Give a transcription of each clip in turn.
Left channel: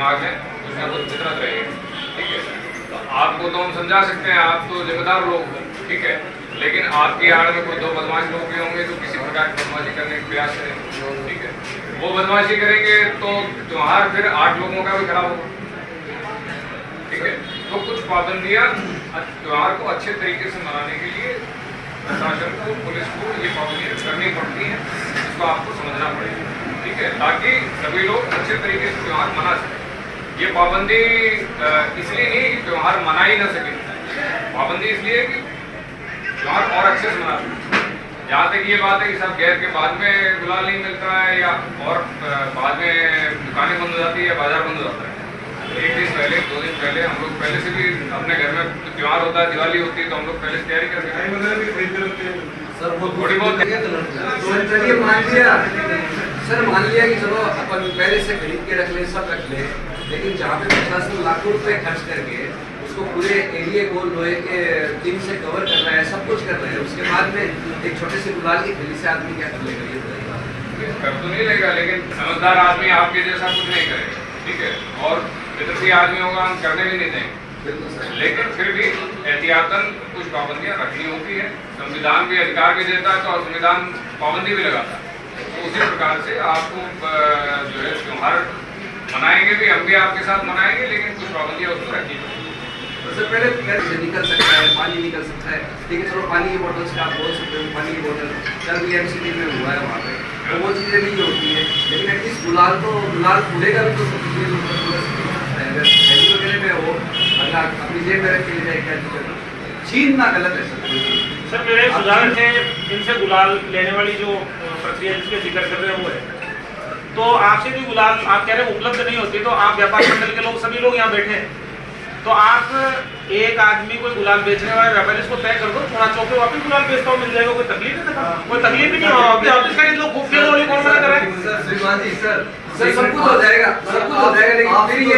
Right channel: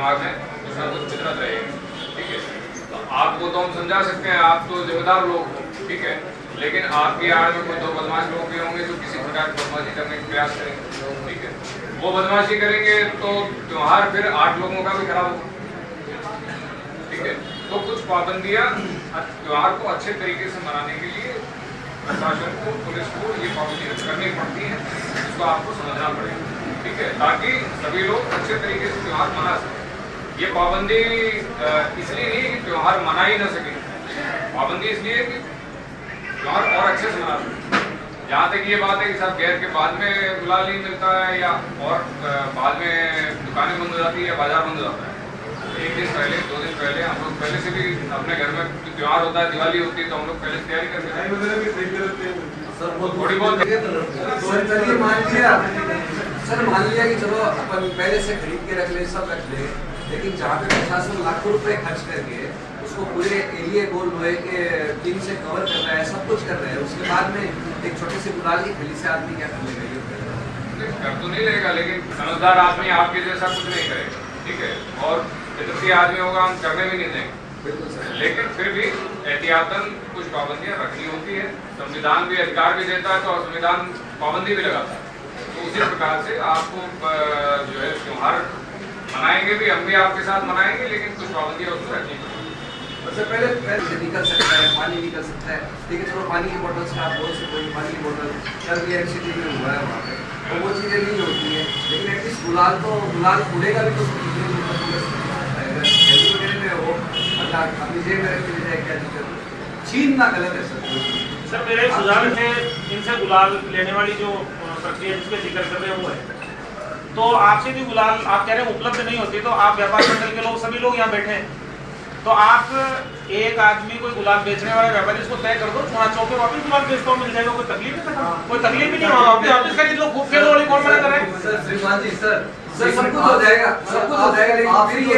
दिमाग में कुछ ना कुछ फितरत रहेगी, ठीक है। तो आपको तो हम समझा सकते हैं, आप तो जिम्मेदार लोग हो, ठीक है, लेकिन आपकी आड़ में कोई दो बदमाश लोग भी होंगे जो किसी प्रकार की बदमाशी करने का प्रयास करेंगे, ठीक है। वो बदमाशी करेंगे तो त्योहार फिर 8 लोगों का भी खराब होगा, ठीक है। तो कुछ पाबंदियां त्योहार को अच्छे तरीके से मनाने के लिए प्रशासन को, पुलिस को ये पाबंदियां करनी पड़ती हैं, इसको आपको समझना पड़ेगा, ठीक है, ताकि सभी लोग अच्छे तरीके से त्योहार मना सकें। ये पाबंदी इसलिए नहीं है कि त्योहार मना ही ना सके, पाबंदी इसलिए है कि त्योहार और अच्छे से मना सके। जहाँ तक ये बात है कि सब गैर के बाद में गुलाल नहीं मिलता है या और बाद में दुकानें बंद हो जाती है, बाजार बंद हो जाता है, तो 1 दिन पहले 2 दिन पहले हम लोग पहले से भी अपने घर में त्योहार होता है, दिवाली होती है, तो हम लोग पहले से तैयारी करके सर वो थोड़ी बहुत सर मान लिया कि चलो अपन पहले से खरीद के रख ले, सब रख ले, लेकिन जहाँ पे प्रशासन लाखों रुपए खर्च करके उसको पूरे एरिया को लोहे के टीम से कवर कर रहा है, सब कुछ कर रहा है, उसके बाद में एक छोटे से गुलाल की थैली से आदमी क्या कर लेगा? ये बताइए। कर तो नहीं लेगा, लेकिन समझदार आदमी आपके जैसा कुछ नहीं करेगा, ठीक है, और फितरती आदमी होगा, हम करने भी नहीं देंगे, लेकिन फिर भी एहतियातन कुछ पाबंदियां रखनी होती है। संविधान भी अधिकार भी देता है, तो संविधान पाबंदी भी लगाता है, तो उसी प्रकार से आपको जो है त्योहार मनाएंगे भी, हम भी आपके साथ मनाएंगे, लेकिन कुछ पाबंदियां उसको रखनी पड़ेगी। उससे पहले निकल सकता है, पानी निकल सकता है, ठीक है, चलो पानी की बोतल से आप बोल सकते हो पानी की बोतल कल भी MCD में हुआ है वहाँ पे, तो वो चीज़ें नहीं होती है, लेकिन एटलीस्ट गुलाल फूलेगा भी तो में हो अपना अपनी जेब में रख के ले जाए, क्या छीनना गलत है सर। मेरे सुझाव है इनसे गुलाल लेने वाली जो प्रक्रिया जिसके जिक्र कर रहे हैं वो है, तो आपसे भी गुलाल आप कह रहे हैं उपलब्ध नहीं होती, तो आप व्यापार मंडल के लोग सभी लोग यहाँ बैठे हैं, तो आप एक आदमी कोई गुलाल बेचने वाले व्यापारी उसको तय कर दो, थोड़ा चौके वापस गुलाल बेचता मिल जाएगा, कोई तकलीफ नहीं, कोई तकलीफ ही नहीं होगा। लोग खूब खेलने वाली कौन मना कराए? सब कुछ हो जाएगा, सब कुछ हो जाएगा, लेकिन फिर ये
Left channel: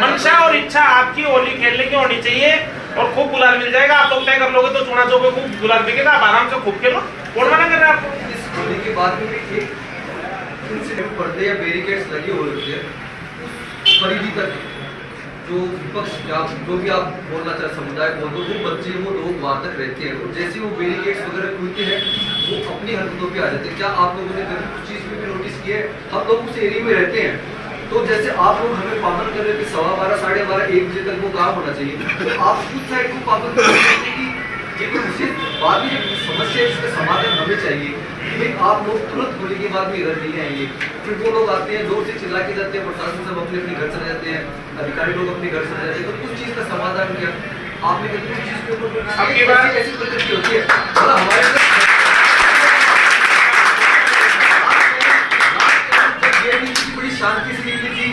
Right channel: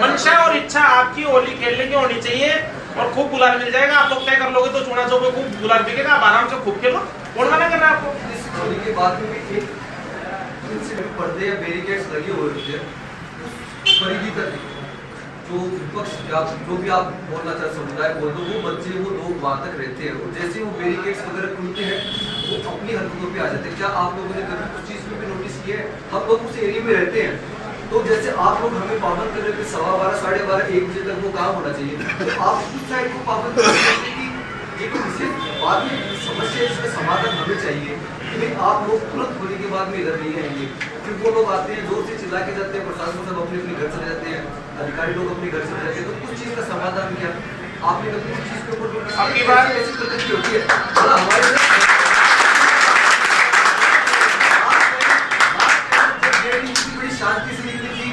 मंशा और इच्छा आपकी होली खेलने की होनी चाहिए और खूब गुलाल मिल जाएगा। आप लोग तय कर लोगे तो चूना चौक पे खूब गुलाल बिकेगा, आप आराम से खूब खेलो, कौन मना कर रहा है आपको? इस होली के बाद में एक पर्दे या बैरिकेड्स लगे हुए होते हैं, उस परिधि तक जो विपक्ष या जो भी आप बोलना चाहे समुदाय बोल दो, वो बच्चे वो लोग वहाँ तक रहते हैं, और जैसे वो बैरिकेड्स वगैरह खुलते हैं वो अपनी हरकतों पे आ जाते हैं। क्या आप लोगों ने कभी कुछ चीज़ भी नोटिस किया है? हम लोग उस एरिया में रहते हैं, तो जैसे आप लोग हमें पाबंद कर रहे हैं कि 12:15, 12:30, 1 बजे तक वो काम होना चाहिए, तो आप उस साइड को पाबंद कर रहे हैं कि ये कोई विशेष बात नहीं, समस्या इसका समाधान हमें चाहिए कि भाई आप लोग तुरंत होने के बाद में इधर नहीं आएंगे, फिर वो लोग आते हैं जोर से चिल्ला के जाते हैं, प्रशासन सब अपने अपने घर चले जाते हैं, अधिकारी लोग अपने घर चले जाते हैं, तो कुछ चीज़ का समाधान क्या आपने कुछ चीज़ के ऊपर आपकी बात कैसी प्रकृति होती है? मतलब हमारे बड़ी शांति से निकली थी,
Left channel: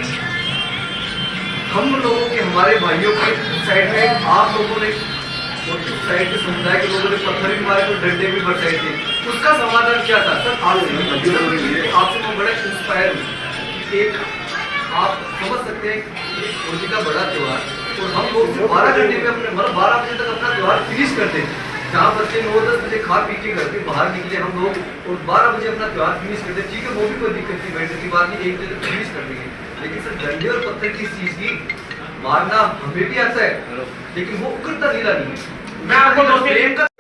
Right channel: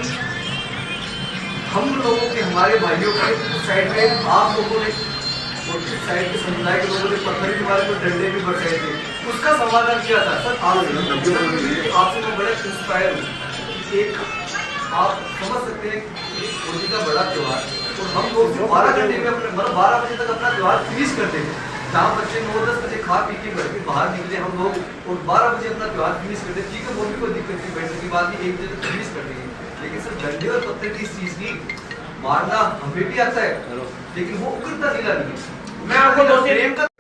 हम लोगों के हमारे भाइयों के साइड में आप लोगों ने और उस साइड के समुदाय के लोगों ने पत्थर भी मारे, तो डंडे भी बरसाए थे, उसका समाधान क्या था? सर आपसे मैं बड़ा इंस्पायर हूँ। एक आप समझ सकते हैं होली का बड़ा त्योहार, और हम लोग 12 घंटे में अपने मतलब 12 बजे तक अपना त्योहार फिनिश करते हैं, जहाँ बच्चे 9-10 बजे खा पी के घर के बाहर निकले हम लोग, और 12 बजे अपना त्योहार फिनिश करते हैं, ठीक है, वो भी कोई दिक्कत की बैठने की बात नहीं, 1 बजे तक फिनिश कर देंगे, लेकिन सर डंडे और पत्थर की इस चीज़ की मारना हमें भी आता है, लेकिन वो उकरता नीला नहीं है। मैं आपको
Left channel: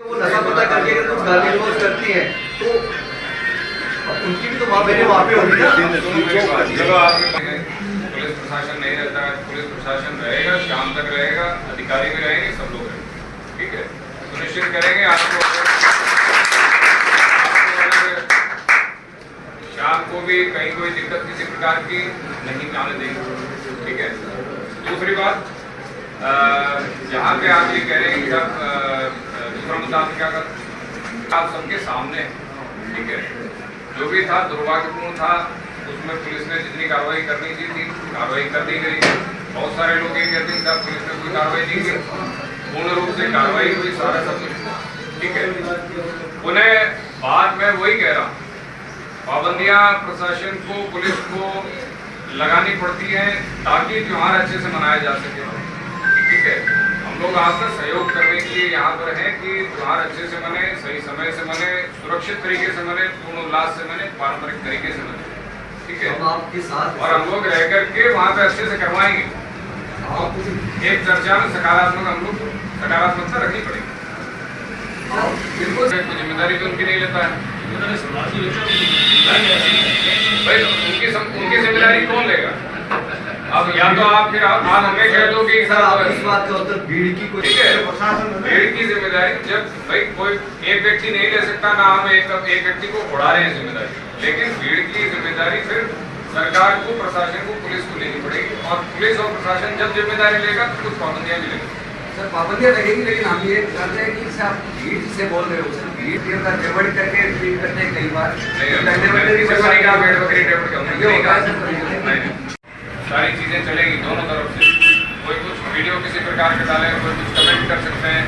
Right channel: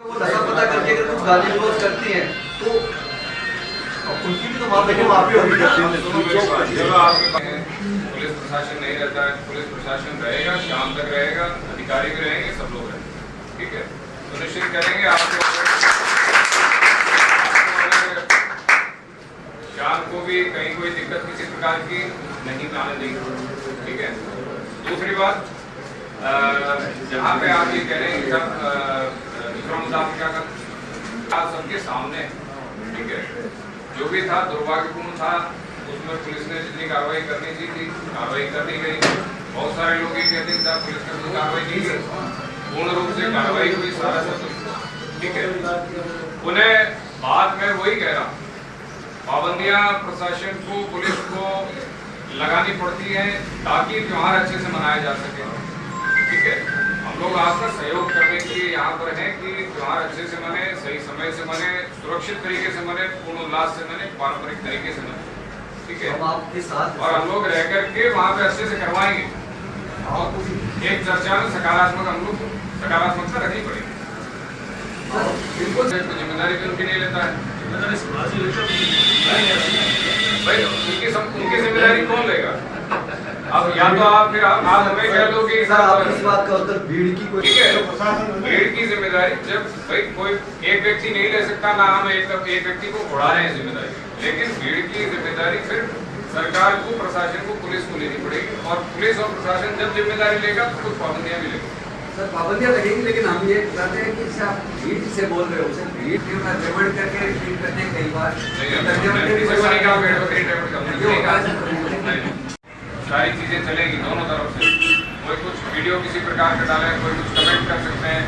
वो नशा पता करके अगर कुछ गाली गलौज करती हैं तो अब उनकी भी तो माँ बहने वहाँ पे होगी ना। पुलिस प्रशासन नहीं रहता है, पुलिस प्रशासन रहेगा, शाम तक रहेगा, अधिकारी भी रहेंगे, सब लोग रहेंगे, ठीक है, सुनिश्चित करेंगे आपको शाम को भी कहीं कोई दिक्कत किसी प्रकार की नहीं आने देंगे, ठीक है। दूसरी बात, जहाँ पे आप ये कह रहे हैं कि सर दूसरा मुद्दा क्या कर, आप सबके सामने, ठीक है, जो भी था दुर्भाग्यपूर्ण था, उसमें पुलिस ने जितनी कार्रवाई करनी थी कार्रवाई कर दी गई। बहुत सारे लोग ये कहते हैं सर पुलिस ने कोई कार्रवाई नहीं की, पूर्ण रूप से कार्रवाई हुई, सारा सब कुछ, ठीक है। उन्हें बात में वही कह रहा हूँ, पाबंदियां प्रशासन को, पुलिस को लगानी पड़ती है ताकि त्योहार अच्छे से मनाया जा सके, ठीक है। हम लोग आपका सहयोग करने के लिए यहाँ पर हैं कि त्योहार अच्छे से मने, सही समय से मने, सुरक्षित तरीके से मने, पूर्ण उल्लास से मने, पारंपरिक तरीके से मने, ठीक है, हम आपके साथ और हम लोग रह करके वहाँ पे अच्छे से करवाएंगे। और एक चर्चा में सकारात्मक हम लोग सकारात्मकता रखनी पड़ेगी। बिल्कुल जिम्मेदारी भी उनकी नहीं लेता है भाई, उनकी जिम्मेदारी कौन लेगा? अब या तो आप फिर आप हमें कह लो कि सर आप इस बात का उत्तर भीड़ की कोई, ठीक है, भीड़ की जिम्मेदारी जब भाई कोई एक व्यक्ति नहीं ले सकता ना, हम एक व्यक्ति को उड़ा रहे हैं जिम्मेदारी, लेकिन भीड़ की जिम्मेदारी फिर सरकार को, प्रशासन को, पुलिस को लेनी पड़ेगी। और पुलिस और प्रशासन जब जिम्मेदारी लेगा तो कुछ पाबंदियां भी लगेगी। सर पाबंदियां लगेगी, लेकिन हम ये कहते हैं कि आप भीड़ से बोल रहे हो, सर भीड़ के बाद डिवाइड करके ट्रीट करते हैं कई बार, सारी चीजें चलेगी दोनों तरफ से। कोई कुछ वीडियो किसी प्रकार का डाले, कोई कुछ कमेंट कर सकते हैं,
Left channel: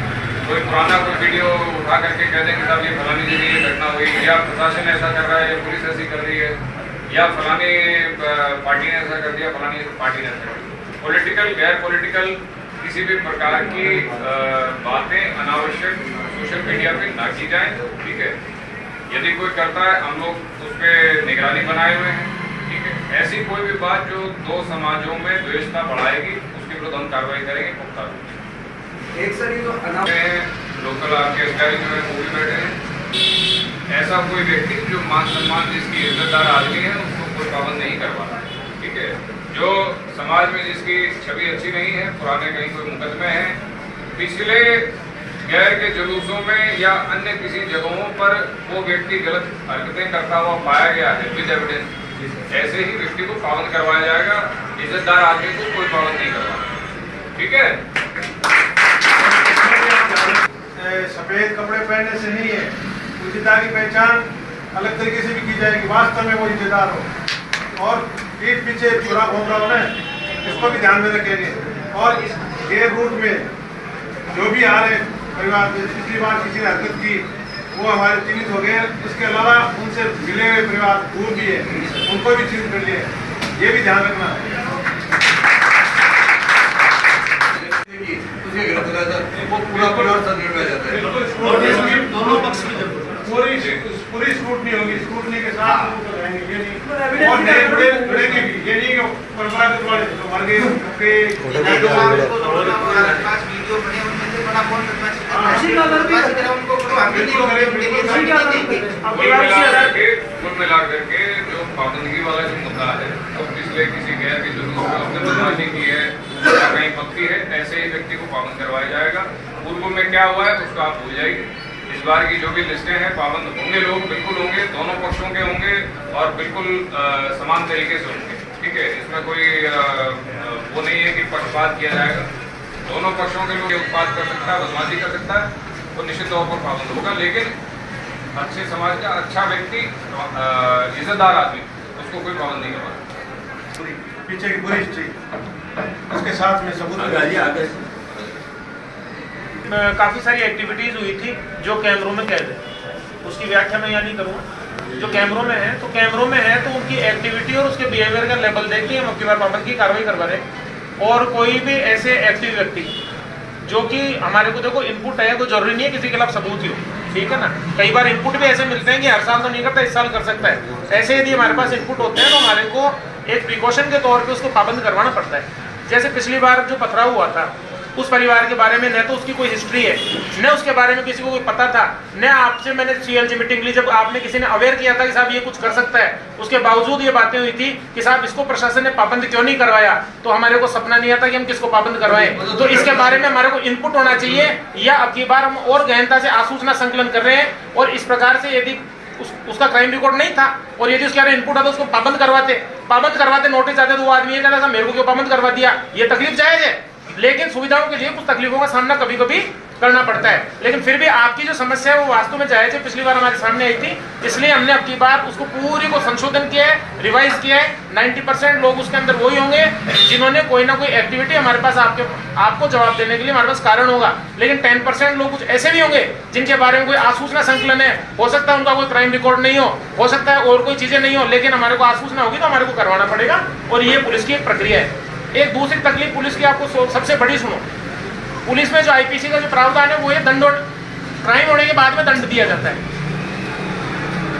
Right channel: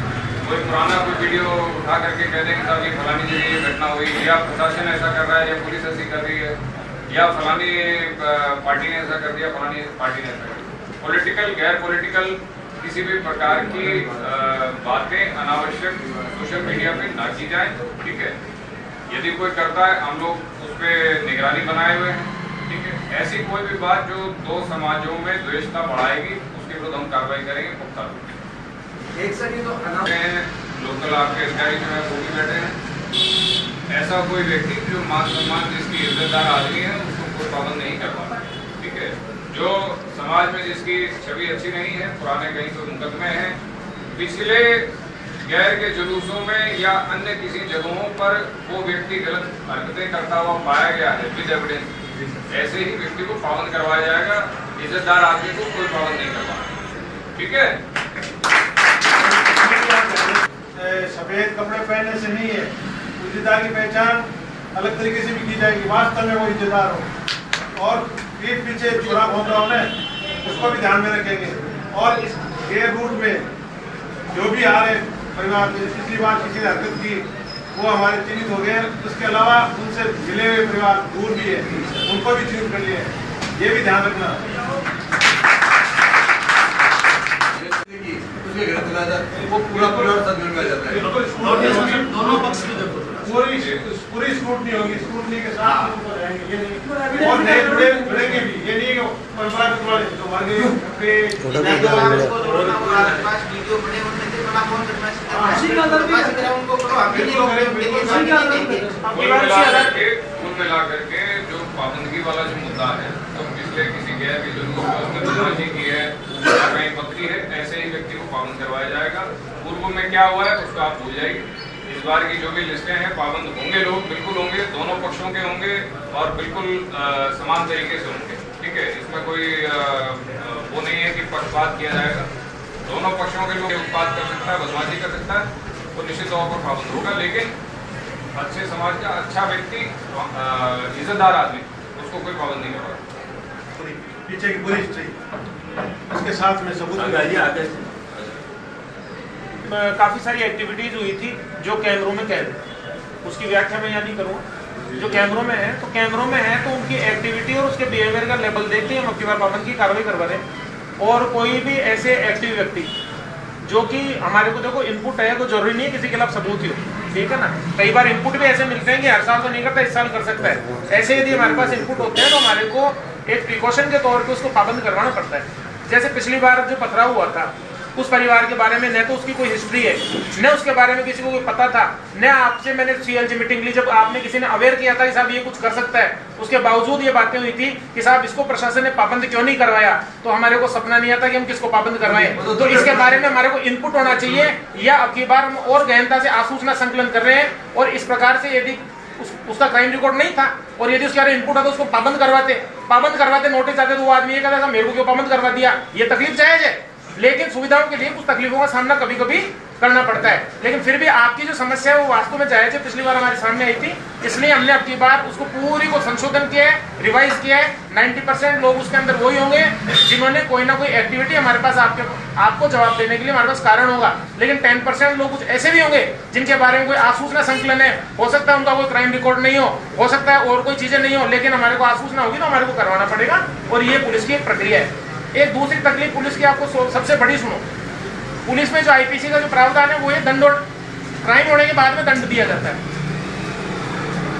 कोई पुराना कोई वीडियो उठा करके कह दें कि साहब ये फलानी जगह ये घटना हुई, या प्रशासन ऐसा कर रहा है, या पुलिस ऐसी कर रही है, या फलानी पार्टी ने ऐसा कर दिया, फलानी पार्टी ने ऐसा कर दिया। पॉलिटिकल गैर पॉलिटिकल किसी भी प्रकार की बातें अनावश्यक सोशल मीडिया पे ना की जाए, ठीक है। यदि कोई करता है हम लोग उस पर निगरानी बनाए हुए हैं, ठीक है। ऐसी कोई भी बात जो दो समाजों में द्वेषता बढ़ाएगी उसके विरुद्ध हम कार्रवाई करेंगे पुख्ता रूप से। एक सर ये तो लोकल आपके अधिकारी जो है वो भी बैठे हैं। ऐसा कोई व्यक्ति जो मान सम्मान जिसकी इज्जतदार आदमी है उसको कोई पाबंद नहीं करवाना, ठीक है। जो समाज में जिसकी छवि अच्छी नहीं है, पुराने कहीं कोई मुकदमे हैं, पिछले गैर के जुलूसों में या अन्य किसी जगहों पर वो व्यक्ति गलत हरकतें करता हुआ पाया गया है विद एविडेंस, ऐसे ही व्यक्ति को पाबंद करवाया जाएगा। इज्जतदार आदमी को कोई पाबंद नहीं करवाना, ठीक है। सफेद कपड़े पहनने से नहीं है, इज्जतदार की पहचान अलग तरीके से भी की जाएगी, वास्तव में वो इज्जतदार हो। और पीठ पीछे चुरा भोंका हो ना, इसको भी ध्यान में रखेंगे। और इस गेर रूट में जो भी आ रहे परिवार, पिछली बार किसी ने हरकत की वो हमारे चिन्हित हो गए, उसके अलावा उनसे मिले हुए परिवार दूर भी है, उनको भी चिन्हित कर लिया है, ये भी ध्यान रखना। वो पूरा परिवार संकट में आ जाता है। दोनों पक्ष की पूरी स्क्रूटनी होगी, स्क्रूटनी के साथ लोग रहेंगे, ये नहीं और नए जुड़ेंगे भी, ये नहीं परंपरागत वाले तो मर गए कुल मिलाकर के जो पाबंदगी वाला जो मुद्दा है, तो पिछले किसी गैर के जुलूस में उसने बदमाशी की है या कहीं पत्ती है, ऐसे ही व्यक्ति को पाबंद करवाया जाएगा। पूर्व में क्या हुआ है उसको आप भूल जाइए। इस बार की जो भी लिस्टें हैं पाबंद होंगे, लोग बिल्कुल होंगे, दोनों पक्षों के होंगे और बिल्कुल समान तरीके से होंगे, ठीक है। इसमें कोई वो नहीं है कि पक्षपात किया जाएगा। दोनों पक्षों के लोग उत्पाद कर सकता है, बदमाशी कर सकता है, वो निश्चित तौर पर पाबंद होगा। लेकिन अच्छे समाज का अच्छा व्यक्ति, इज्जतदार आदमी, उसको कोई पाबंद नहीं करवा। पीछे की पूरी हिस्ट्री उसके साथ में सबूत काफ़ी सारी एक्टिविटीज़ हुई थी जो कैमरों में कैद है, उसकी व्याख्या मैं यहाँ नहीं करूँगा। जो कैमरों में है तो कैमरों में है तो उनकी एक्टिविटी और उसके बिहेवियर का लेवल देख के हम अब की बार पाबंद की कार्रवाई करवा रहे हैं। और कोई भी ऐसे एक्टिव व्यक्ति जो कि हमारे को देखो इनपुट है, कोई जरूरी नहीं है किसी के खिलाफ सबूत ही हो, ठीक है ना। कई बार इनपुट भी ऐसे मिलते हैं कि हर साल तो नहीं करता, इस साल कर सकता है। ऐसे यदि हमारे पास इनपुट होते हैं तो हमारे को एक प्रिकॉशन के तौर पर उसको पाबंद करवाना पड़ता है। जैसे पिछली बार जो पथराव हुआ था उस परिवार के बारे में न तो उसकी कोई हिस्ट्री है, न उसके बारे में किसी को कोई पता था, न आपसे मैंने सीएलजी मीटिंग ली जब आपने किसी ने अवेयर किया था कि साहब ये कुछ कर सकता है, उसके बावजूद ये बातें हुई थी कि साहब इसको प्रशासन ने पाबंद क्यों नहीं करवाया। तो हमारे को सपना नहीं आता कि हम किसको पाबंद करवाएं। तो इसके बारे में हमारे को इनपुट होना चाहिए, या अब की बार हम और गहनता से आसूचना संकलन कर रहे हैं। और इस प्रकार से यदि उसका क्राइम रिकॉर्ड नहीं था और यदि उसके इनपुट आता तो उसको पाबंद करवाते नोटिस आते तो वो आदमी ये कहता था मेरे को क्यों पाबंद करवा दिया। ये तकलीफ जायज है, लेकिन सुविधाओं के लिए कुछ तकलीफों का सामना कभी कभी करना पड़ता है। लेकिन फिर भी आपकी जो समस्या है वो वास्तव में जायज है, पिछली बार हमारे सामने आई थी, इसलिए हमने अब की बार उसको पूरी को संशोधन किया है, रिवाइज किया है। 90% लोग उसके अंदर वही होंगे जिन्होंने कोई ना कोई एक्टिविटी हमारे पास आपको जवाब देने के लिए हमारे पास कारण होगा। लेकिन 10% लोग कुछ ऐसे भी होंगे जिनके बारे में कोई आसूचना संकलन है, हो सकता है उनका कोई क्राइम रिकॉर्ड नहीं हो सकता है और कोई चीजें नहीं हो, लेकिन हमारे को आसूचना होगी तो हमारे को करवाना पड़ेगा। और ये पुलिस की एक प्रक्रिया है। एक दूसरी तकलीफ पुलिस की आपको सबसे बड़ी सुनो, पुलिस में जो आईपीसी का जो प्रावधान है वो ये दंड, क्राइम होने के बाद में दंड दिया जाता है।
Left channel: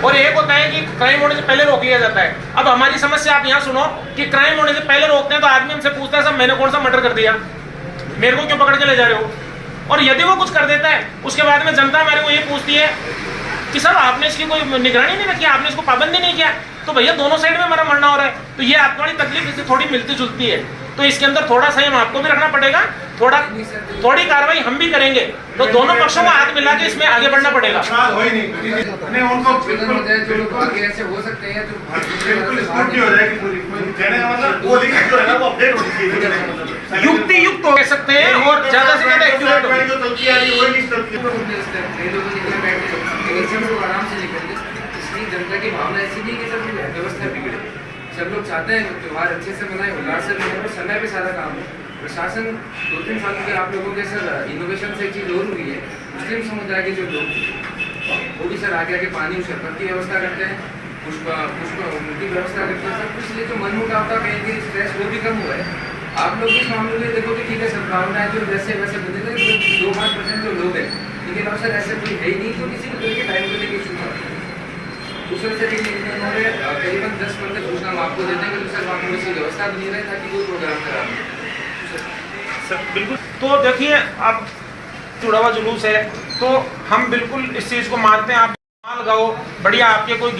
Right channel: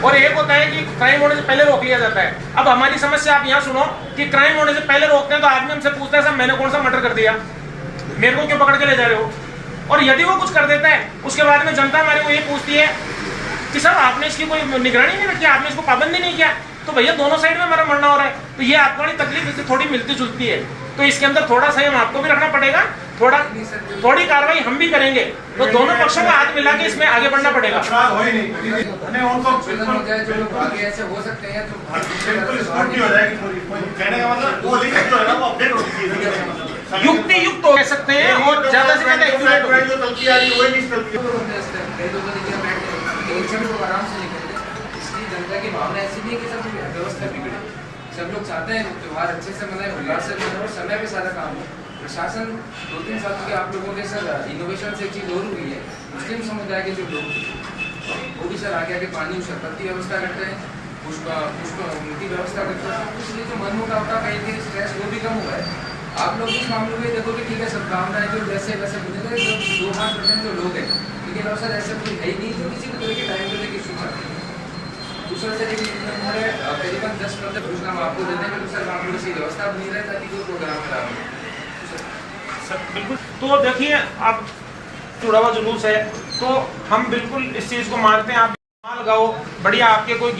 और एक होता है कि क्राइम होने से पहले रोक लिया जाता है। अब हमारी समस्या आप यहाँ सुनो कि क्राइम होने से पहले रोकते हैं तो आदमी हमसे पूछता है साहब मैंने कौन सा मर्डर कर दिया, मेरे को क्यों पकड़ के ले जा रहे हो। और यदि वो कुछ कर देता है उसके बाद में जनता हमारे को ये पूछती है कि साहब आपने इसकी कोई निगरानी नहीं रखी, आपने इसको पाबंदी नहीं किया, तो भैया दोनों साइड में हमारा मरना हो रहा है। तो ये आपकी तकलीफ इससे थोड़ी मिलती जुलती है, तो इसके अंदर थोड़ा संयम आपको भी रखना पड़ेगा, थोड़ी कार्रवाई हम भी करेंगे, तो दोनों पक्षों को हाथ मिला के इसमें आगे बढ़ना पड़ेगा। हो ही नहीं उनको हो जाए जो लोग आगे ऐसे हो सकते हैं तो स्कूटी हो जाएगी पूरी। कहने का मतलब वो लिंक जो है ना वो अपडेट होनी चाहिए, युक्ति युक्त हो सकते हैं और ज्यादा से ज्यादा एक्यूरेट हो। कई लोग निकले बैठे लेकिन सब लोग आराम से निकलेंगे। इसलिए जनता की भावना ऐसी नहीं है कि सब व्यवस्था बिगड़े, सब लोग चाहते हैं त्योहार अच्छे से मनाए, उल्लास से मनाए और समय पे सारा काम हो। प्रशासन 2-3 साल में आप लोगों के सर इनोवेशन से एक चीज़ और हुई है, मुस्लिम समुदाय के जो लोग वो भी सर आगे आगे पानी शरबत की व्यवस्था करते हैं, पुष्प उनकी व्यवस्था करते हैं, इसलिए जो मन मुटाव था कहीं कहीं स्ट्रेस वो भी कम हुआ है। आप लोग इस मामले में देखो कि ठीक है सद्भावनाएं जो वैसे वैसे बने थे 2-5% जो लोग हैं, लेकिन अब सर ऐसा कोई है ही नहीं जो किसी भी तरह के टाइम को लेकर इशू करते हैं। दूसरे से उन्होंने करीबन 10% घोषणा हम आपको दे देंगे, दूसरे मामले में ऐसी व्यवस्था बनी रहे ताकि कोई प्रोग्राम खराब हो। बिल्कुल, तो देखिए अब चुड़ावा जुलूस है तो हम बिल्कुल इस चीज़ को मानते हैं। आप गाओ बढ़िया, आपके कोई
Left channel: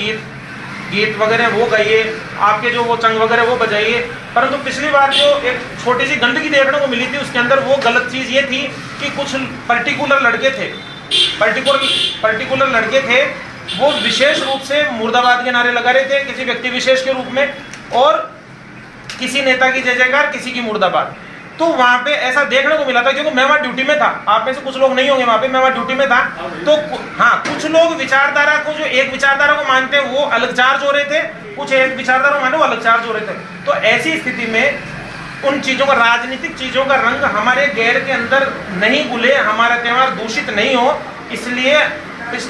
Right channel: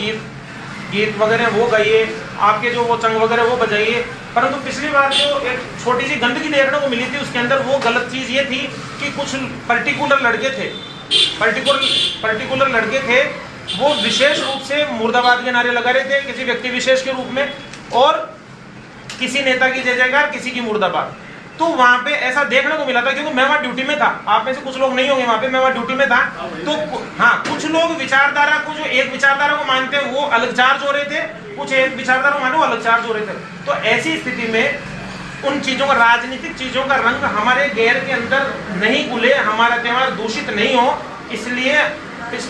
गीत वगैरह वो गाइए, आपके जो वो चंग वगैरह वो बजाइए, परंतु पिछली बार जो एक छोटी सी गंदगी देखने को मिली थी उसके अंदर वो गलत चीज़ ये थी कि कुछ पर्टिकुलर लड़के थे वो विशेष रूप से मुर्दाबाद के नारे लगा रहे थे किसी व्यक्ति विशेष के रूप में, और किसी नेता की जय जयकार, किसी की मुर्दाबाद। तो वहां पे ऐसा देखने को मिला था, क्योंकि मैं वहां ड्यूटी में था, आप में से कुछ लोग नहीं होंगे वहां पे, मैं वहां ड्यूटी में था। तो हाँ, कुछ लोग विचारधारा को, जो एक विचारधारा को मानते हैं वो अलग चार्ज हो रहे थे, कुछ एक विचारधारा को माने वो अलग चार्ज हो रहे थे। तो ऐसी स्थिति में उन चीजों का, राजनीतिक चीजों का रंग हमारे गैर के अंदर नहीं घुले, हमारा त्योहार दूषित नहीं हो, इसलिए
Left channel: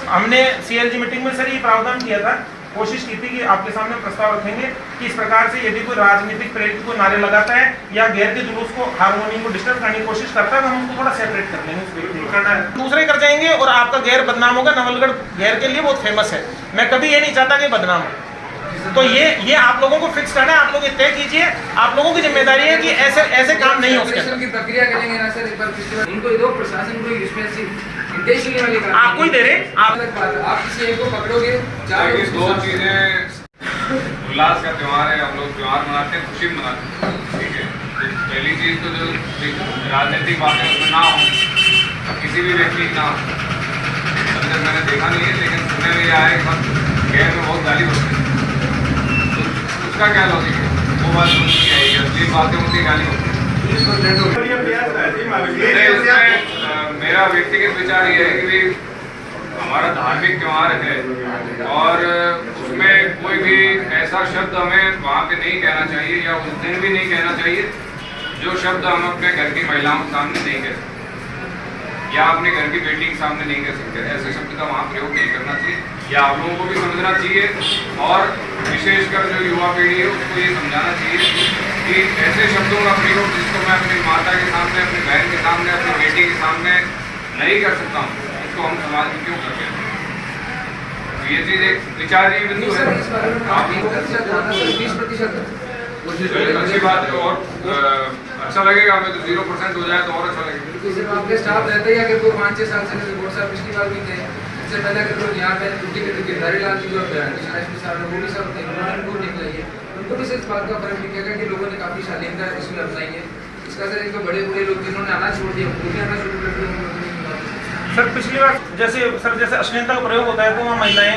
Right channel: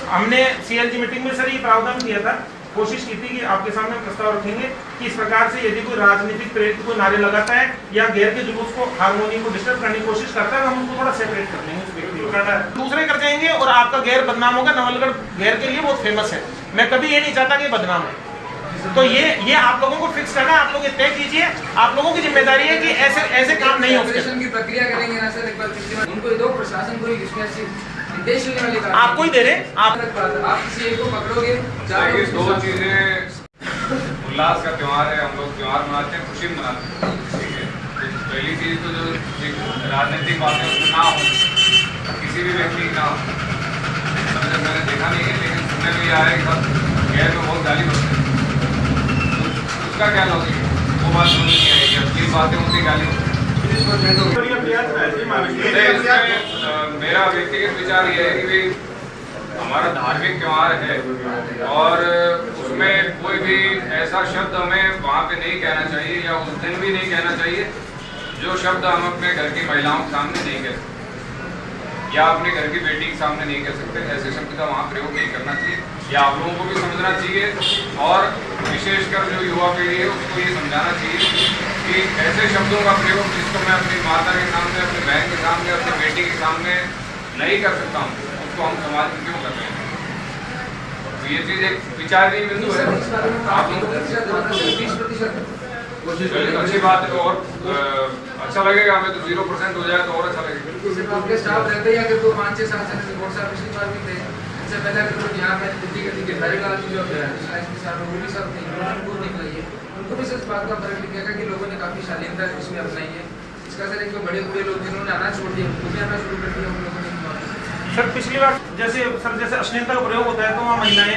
हमने CLG मीटिंग में सर ये प्रावधान किया था, कोशिश की थी कि आपके सामने प्रस्ताव रखेंगे कि इस प्रकार से यदि कोई राजनीतिक प्रेरित कोई नारे लगाता है या गैर के जुलूस को, हारमोनी को डिस्टर्ब करने की कोशिश करता है, तो हम उसको थोड़ा सेपरेट कर लेंगे, उस व्यक्ति को करना है, दूसरे कर जाएंगे और आपका गैर बदनाम होगा। नवलगढ़ गैर के लिए बहुत फेमस है, मैं कभी ये नहीं चाहता कि बदनाम हो। तो ये आप लोगों को फिक्स करना है, आप लोग ये तय कीजिए, आप लोगों की जिम्मेदारी है कि ऐसे काम नहीं हो उसके अंदर। की प्रक्रिया करेंगे ना सर, एक बार उनको दो, प्रशासन को इसमें देश लेने वाली बात आपको ही दे रहे आप किसी एक को पकड़ोगे। देखिए, दो चीजें, उल्लास का त्योहार है, हम लोग त्योहार मनाते हैं, खुशी मनाते हैं, ठीक है। तो पहली चीज तो जो राजनीतिक बातें उसमें ना हो, किसी भी व्यक्ति की ना हो। मैंने देखा नहीं है, लेकिन सुनने में आया कि सब गैर में बहुत गाली बकते हैं, तो उसका क्या लॉजिक है, वो बात समझ नहीं आएगी, असली बातें उनकी गाली बकते हैं। मेरा व्यक्तिगत विचार ये है कि भाई हमारा धार्मिक त्योहार है और उसमें कोई भी ऐसा शब्द हमें वहाँ पे नहीं कहना चाहिए या उस दिन भी नहीं कहना चाहिए जो शब्द हम अपने घर की महिलाओं के सामने नहीं कह सकते या अपने घर की बेटी के सामने नहीं कह सकते। ऐसे शब्द का वहाँ प्रयोग नहीं करना चाहिए, या आप लोगों को भी समझना चाहिए और विशेषकर जो युवा पीढ़ी है उसको ये समझाना चाहिए कि ऐसे शब्दों का प्रयोग जिसको मैं अपनी माता के सामने, अपनी बहन के सामने, अपनी बेटी के सामने नहीं कर सकता हूँ, उसको हम समाज में क्यों कर रहे हैं। तो ये चीज़ एक विचारणीय बिंदु है। आप लोग अच्छी बात है और अच्छा लगेगा हमें, तो 0% हो जाए तो और अच्छा लगेगा। स्टाफ रहते हैं कोई 5-6 साल से बहुत सारा पिछली बार भी थे, इससे पहले अगर लोग यहाँ पे छुट्टी के गिरधारी लाल जी जो वो भी सब निकलाई है, उनको भी इस बात का फर्क दिखेगा कि लोगों ने काफ़ी शालीनता इसमें अपनाई है। इसका सर एक तो बड़े बूढ़े लोग जिन्होंने आना छोड़ दिया, वो भी आना शुरू कर दिया। सर पिछली बार जैसे अश्लीलता का प्रयोग होता है तो वहाँ महिलाएं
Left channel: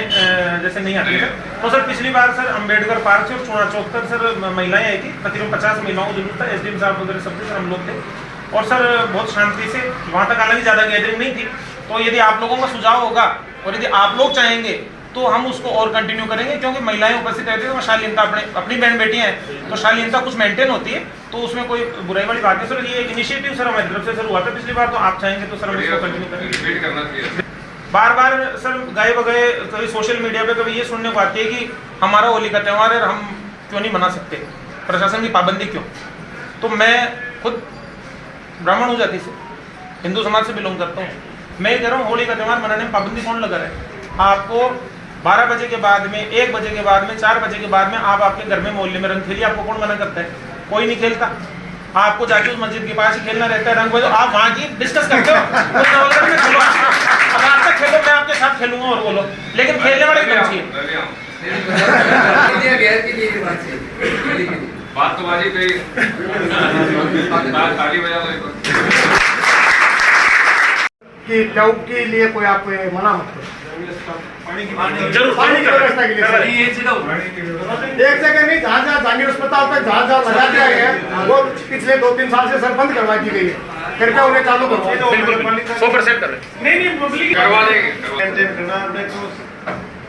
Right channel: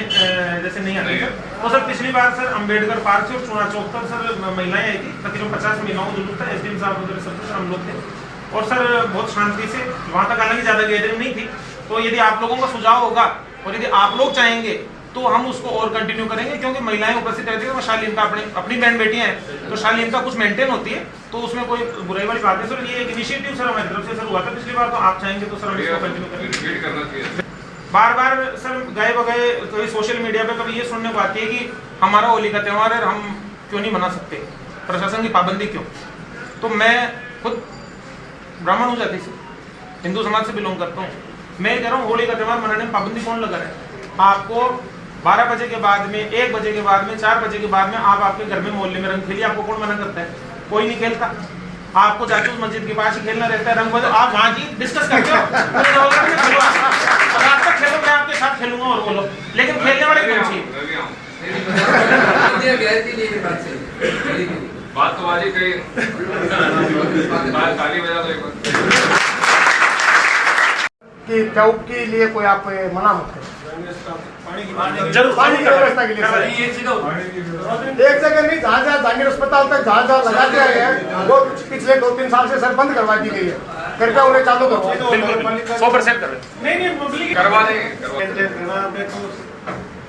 जैसे नहीं आती सर, तो सर पिछली बार सर अम्बेडकर पार्क से और चुना चौक तक सर महिलाएं आई थी, तकरीबन 50 महिलाओं को जरूरत था, SDM साहब वगैरह सब सर हम लोग थे और सर बहुत शांति से वहाँ तक, हालांकि ज़्यादा गैदरिंग नहीं थी। तो यदि आप लोगों का सुझाव होगा और यदि आप लोग चाहेंगे तो हम उसको और कंटिन्यू करेंगे, क्योंकि महिलाएं उपस्थित रहती है तो शालीनता अपनी बहन बेटियां हैं तो शालीनता कुछ मेंटेन होती है, तो उसमें कोई बुराई वाली बात नहीं। सर ये एक इनिशिएटिव सर हमारी तरफ से सर हुआ था पिछली बार, तो आप चाहेंगे तो सर हम इसको कंटिन्यू करेंगे। बार बार सर गए बगए कभी सोशल मीडिया पे कभी ये सुनने को आती है कि हमारा होली का त्यौहार है, हम क्यों नहीं मना सकते, प्रशासन की पाबंदी क्यों। तो मैं खुद ब्राह्मण हूँ जाति से, हिंदू समाज से बिलोंग करता हूँ, मैं कह रहा हूँ होली का त्यौहार मनाने में पाबंदी कौन लगा रहा है। आपको 12 बजे के बाद में, 1 बजे के बाद में, 4 बजे के बाद में आप आपके घर में मोहल्ले में रंग खेलिए, आपको कौन मना करता है? कोई नहीं खेलता। आपको जाके उस मस्जिद के पास ही खेलना रहता है रंग, आप वहाँ की डिस्कस करते हो, खेलो रात तक खेलो, मैं आपके साथ खेलूंगा और बोलो, लेकिन खेलने वाले क्यों चाहिए? बात तो बाजी कही, ताली बजा दो एक बार। कि ट्यूब के लिए कोई आप मना मत करो, जरूर पानी की व्यवस्था के लिए सर। एक जगह नहीं, जहाँ जहाँ जहांगीर अस्पताल तक जहाँ जहाँ लगा दिया है वो पिछले 2-3 साल से सर बंद करवा दी गई है, कृपया उन्हें चालू करो। 100% कर करवा देंगे।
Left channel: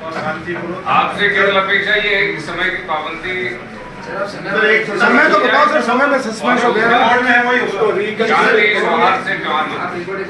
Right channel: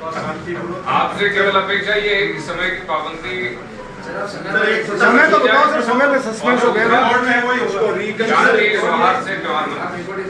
और शांतिपूर्वक आपसे केवल अपेक्षा ये है कि समय की पाबंदी, सर आप समय समय तो बताओ सर, समय में सस्पेंस हो गया है। बोर्ड में है वही उसको शांति सौहार्द से त्योहार आप रिकॉर्डिंग